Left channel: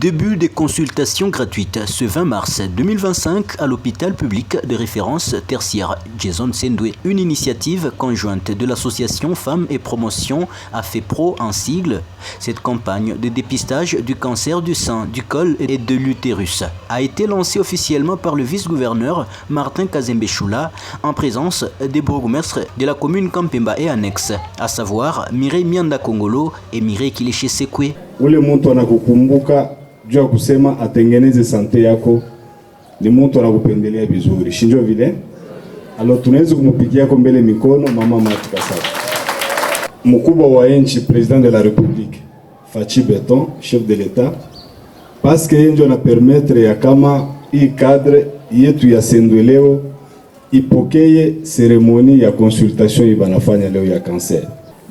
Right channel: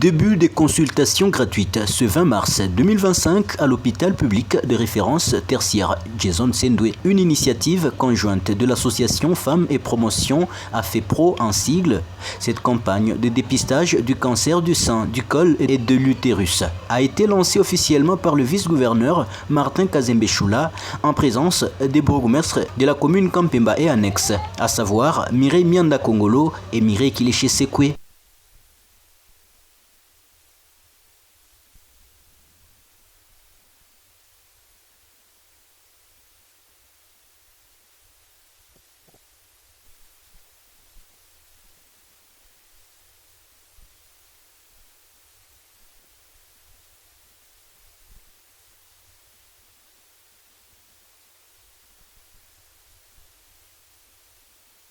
Début des consultations gratuites ce 20 mars 2025 à l'hôpital public de référence tertiaire Jason Sendwe. Une initiative conjointe de l'association Femmes et Promotion AFEPRO en sigle. Cette campagne de dépistage du cancer du sein, du col et de l'utérus a été lancée officiellement par le vice-gouverneur Martin Kazembe Choula en présence des bourgmestres de la commune Kampemba et annexes, à savoir Mireille Mianda Kongolo et Mireille Kileshe Sekwe. Ule mtu anakukumbuka juu ya kusema atengeneze sante yako ni mtu anakupendelea vizuri, si ndio vile? Alo tunaweza kumpigia kwa mbele mikono mama Marthe Kassalu. Mkubwa wa nchi president de la République Fachi Beton, chef de l'État, parce que yeye ndio ana permettre ya kama hii cadre yetu ya Sendwe leo ipokee seremoni ya consultation ibanafanya leo ya cancer.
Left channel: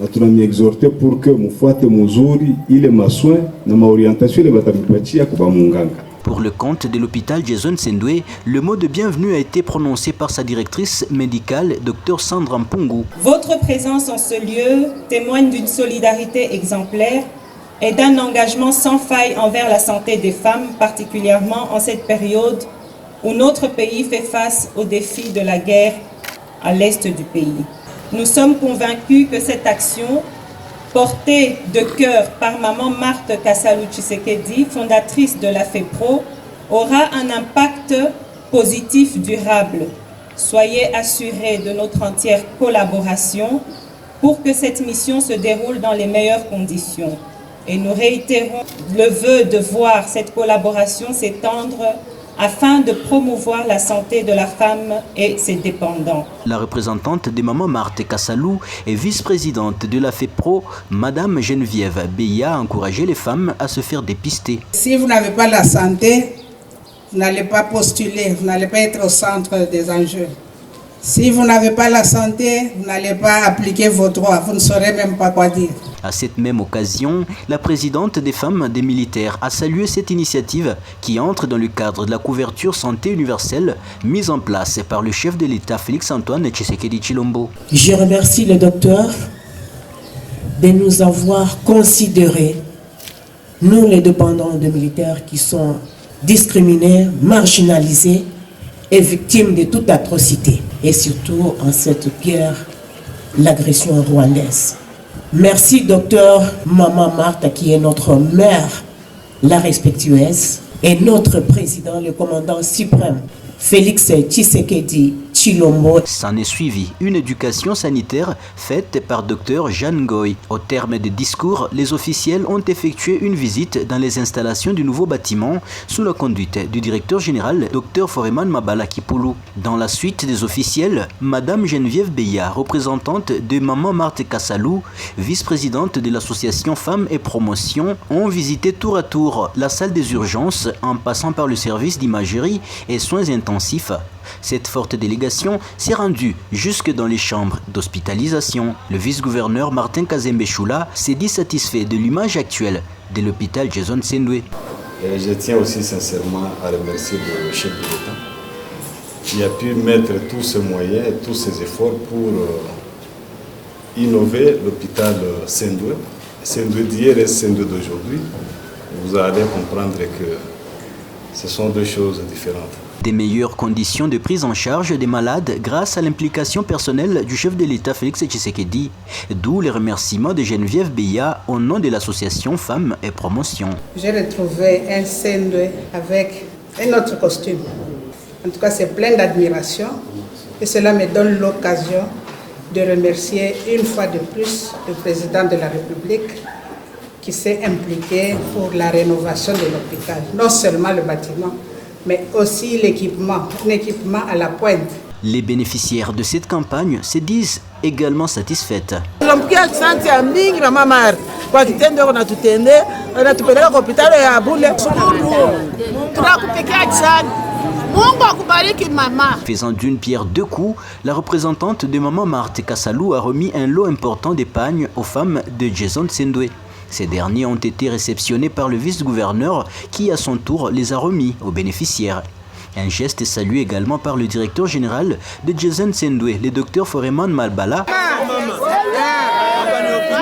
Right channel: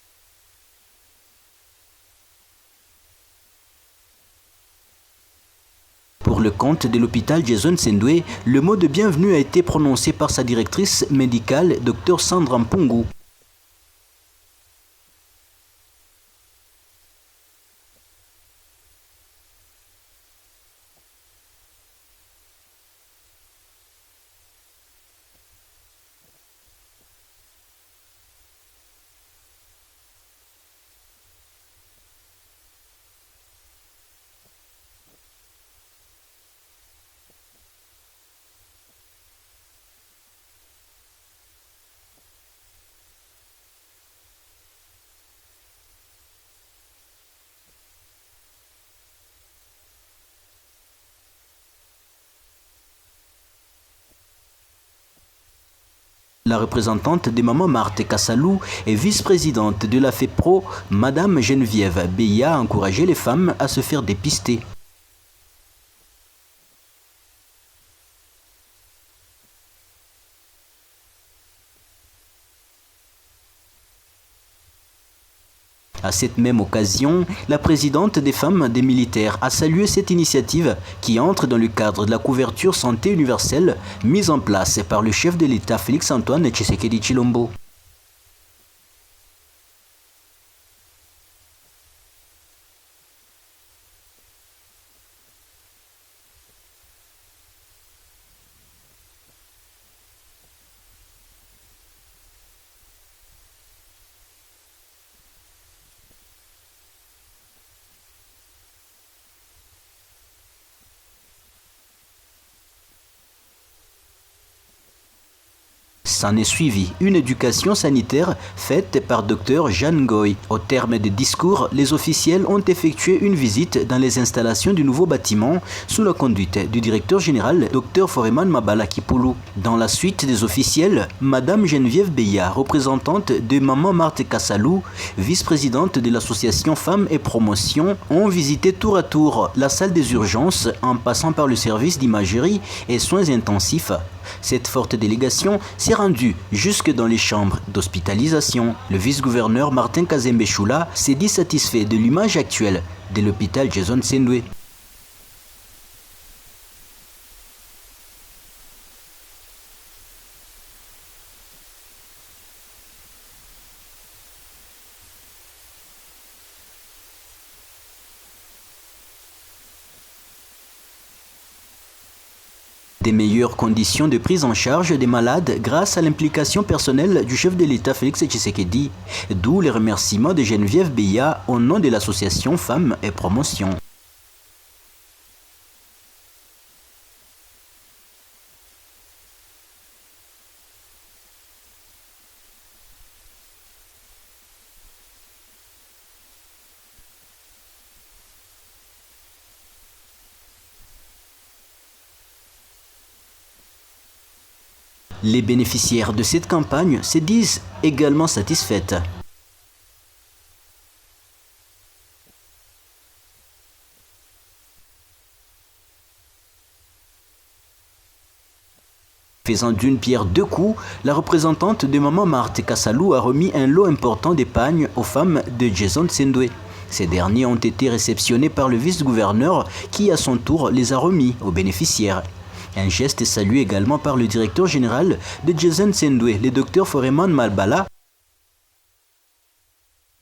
Na tunamiexhorte pour que mufuate muzuri ile maswin na maorientation ile batamipatia kwa munganga. Pour le compte de l'hôpital Jason Sendwe, le mot de bienvenue a été prononcé par sa directrice médicale, Dr Sandra Mpungu. Votre présence en ce lieu témoigne d'une solidarité exemplaire et d'un engagement sans faille envers la santé des femmes, particulièrement en cette période où notre pays fait face aux défis de la guerre à l'est du pays. Nous sommes convaincus que cette action, portée de cœur par maman Marthe Kassalu Tshisekedi, fondatrice de la FEPRO, aura un impact positif durable. Soyez assurés de notre entière collaboration pour que cette mission se déroule dans les meilleures conditions. Et nous réitérons le vœu de voir cette collaboration s'étendre afin de promouvoir la santé de la femme et ses dépendants. La représentante de maman Marthe Kassalu et vice-présidente de la FEPRO, Madame Geneviève Beya, a encouragé les femmes à se faire dépister. Si vous n'avez pas la santé, vous n'allez pas postuler, vous n'allez pas être au centre des enjeux. Si vous n'avez pas la santé, vous n'allez pas appliquer vos droits, vous ne saurez même pas quoi dire. À cette même occasion, la présidente des femmes des militaires a salué cette initiative qui entre dans le cadre de la couverture santé universelle mise en place par le chef de l'État Félix-Antoine Tshisekedi Tshilombo. Je remercie le docteur de nous avoir considérés, nous les dépendants des militaires qui sont discriminés, marginalisés et victimes de toute atrocité, et surtout en cette guerre, l'agression rwandaise. Merci docteur Maman Marthe qui est notre mère, la respectueuse, et notre président, le commandant suprême, Félix Tshisekedi Tshilombo. S'en est suivi une éducation sanitaire faite par Dr Jeanne Goy. Au terme des discours, les officiels ont effectué une visite dans les installations du nouveau bâtiment sous la conduite du directeur général Dr Foreman Mabala Kipulu. Dans la suite des officiels, Madame Geneviève Beya, représentante de maman Marthe Kassalu, vice-présidente de l'association Femmes et Promotion, ont visité tour à tour la salle des urgences en passant par le service d'imagerie et soins intensifs. Cette forte délégation s'est rendue jusque dans les chambres d'hospitalisation. Le vice-gouverneur Martin Kazembe Choula s'est dit satisfait de l'image actuelle de l'hôpital Jason Sendwe. Je tiens aussi sincèrement à remercier le chef de l'État qui a pu mettre tous ses moyens et tous ses efforts pour innover l'hôpital Sendwe. Sendwe d'hier et Sendwe d'aujourd'hui. Vous allez comprendre que ce sont deux choses différentes. Des meilleures conditions de prise en charge des malades grâce à l'implication personnelle du chef de l'État Félix Tshisekedi, d'où les remerciements de Geneviève Beya au nom de l'association Femmes et Promotion. J'ai retrouvé un Sendwe avec un autre costume. En tout cas, c'est plein d'admiration et cela me donne l'occasion de remercier une fois de plus le président de la République qui s'est impliqué pour la rénovation de l'hôpital. Non seulement le bâtiment, mais aussi l'équipement, un équipement à la pointe. Les bénéficiaires de cette campagne se disent également satisfaites. Faisant d'une pierre deux coups, la représentante de maman Marthe Kassalu a remis un lot important d'épargne aux femmes de Jason Sendwe. Ces derniers ont été réceptionnés par le vice-gouverneur qui, à son tour, les a remis aux bénéficiaires. Un geste est salué également par le directeur général de Jason Sendwe, le docteur Foreman Mabala,